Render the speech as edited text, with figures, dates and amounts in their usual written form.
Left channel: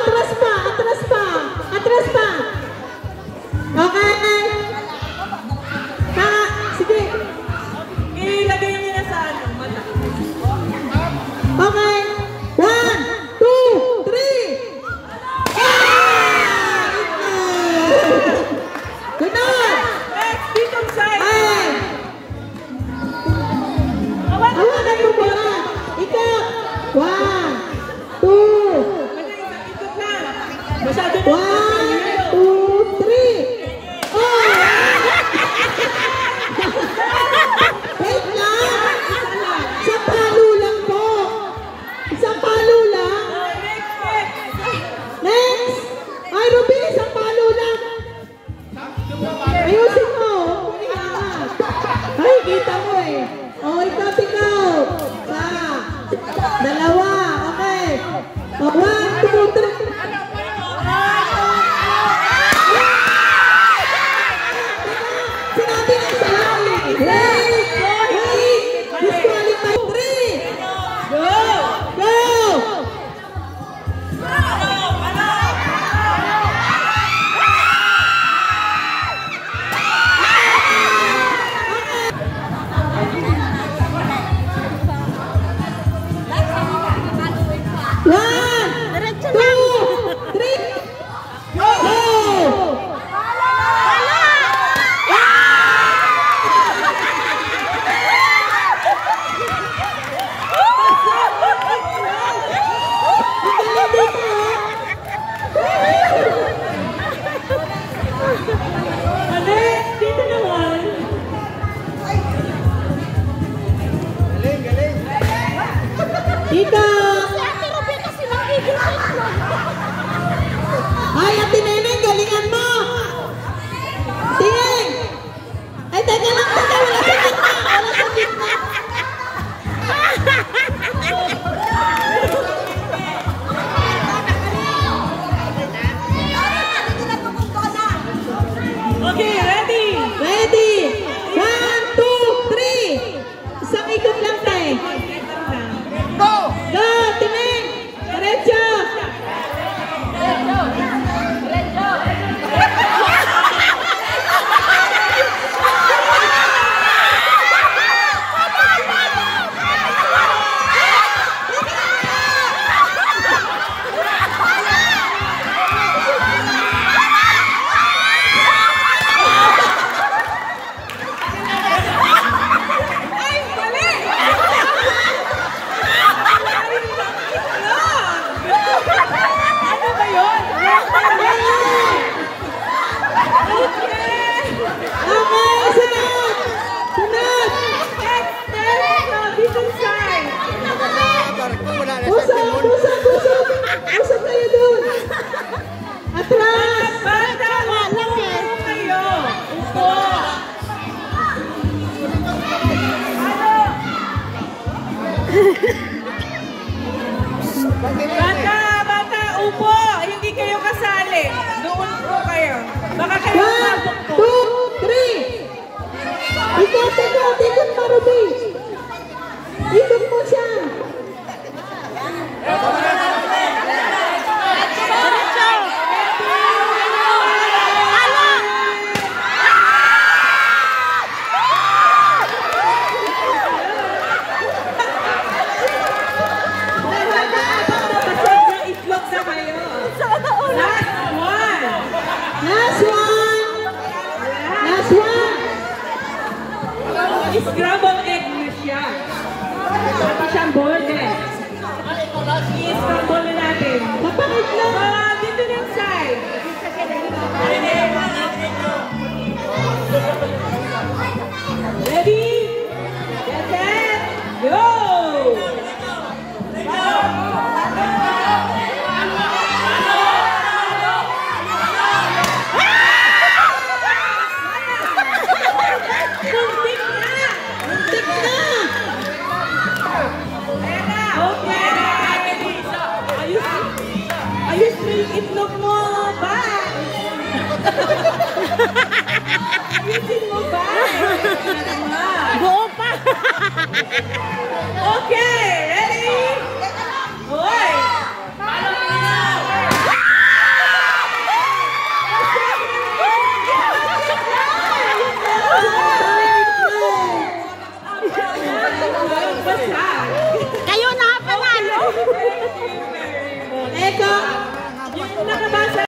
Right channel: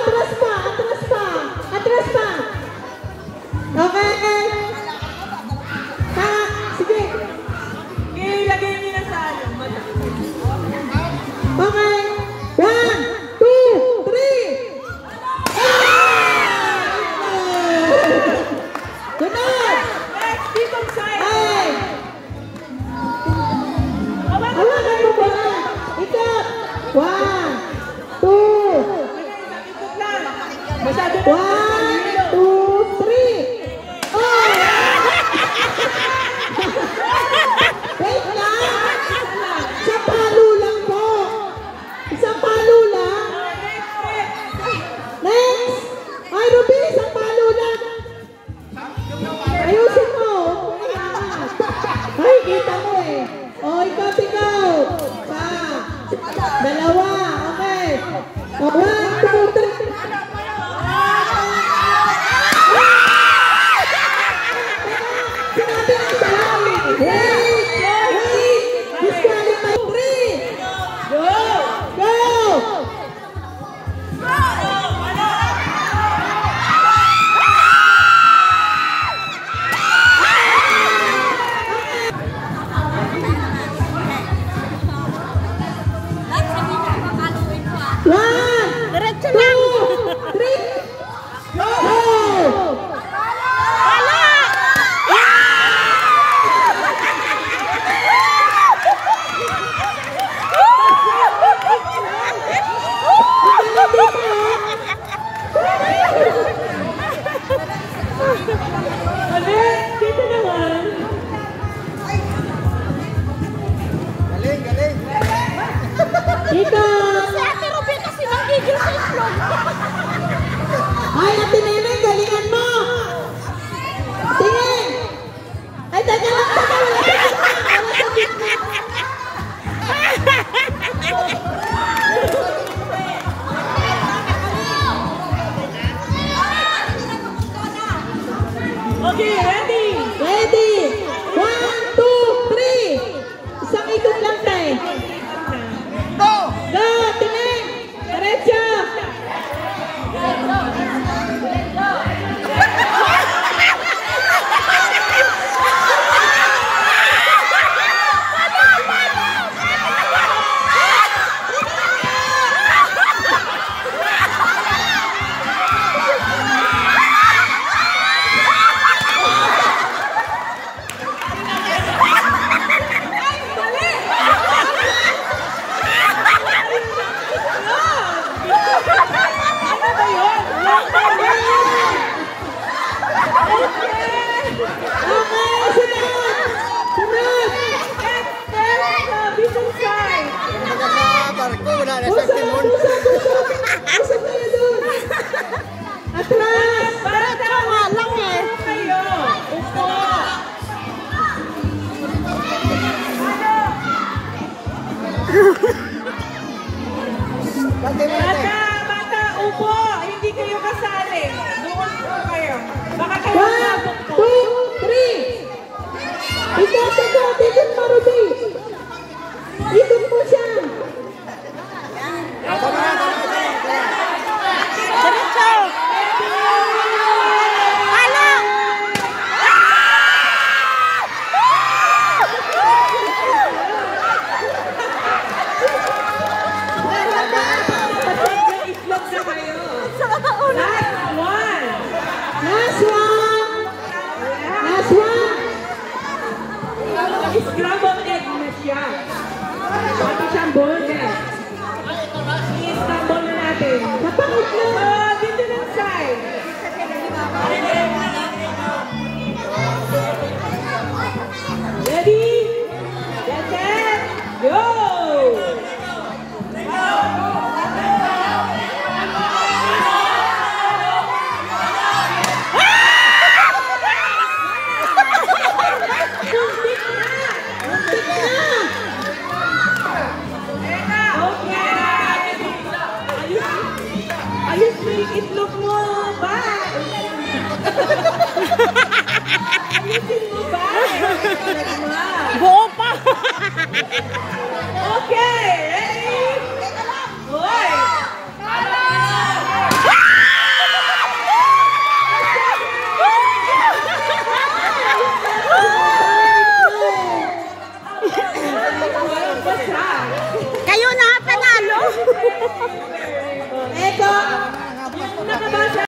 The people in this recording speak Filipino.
Atras pa, atras pa, atras pa. Okay. Sige. Ilagay niyo na sa ano, mata. Okay. 1, 2, 3. Gunod. Dito side. Ay. Hawakan mo ba? Ikot. 1, 2. Ikot lang. Masyado na. 1, 2, 3. Wait lang! Isang palo lang po! Isang palo lang! Next! Ay, Ruby! Isang palo lang! Ayusin mo! Ay, kita mo eh! O, ikaw! Pa! Dalawa! Okay! O, 1, 2, 3! Sinabi ang salamin! Wait! Disqualify! 3! Go! Go! One, 2, 3, go! Dito naman. Galing! Dito! Ate Ruby kasi nagigil sa itlog. Ay, Ate Nene, galingan mo! Tingin! Ay, teka lang, teka! Wala sa gitna! Wala sa gitna! Okay, ready? Ready! 1, 2, 3! Isang ikot lang tayo. Go! Go! Tingin! Diretso! Ano ba yun? Okay! Sunod! Sunod! Dito side. Usap! Usap! Usap! Usap kayo doon! Atras! Tama lang eh. Kayo. Upo. Bata, upo. Hindi kayo kasali. Doon po kayo. Baka kayo 1, 2, 3! Ikot! Ikot! Ikot pa, Ruby! Ikot mo siya! itlog na kayo. Last one! Last one! Scrambled egg na siya. Pati siyang burger. I-scramble na natin. Napangitlog! Dito ng side. Ready? Get set! Go! Muntik na! Muntik na! Okay! Ayos mo yung itlog mo ba? Ayusin mo ba? Buo pa! Okay! Ready? Hoy! Iba siya.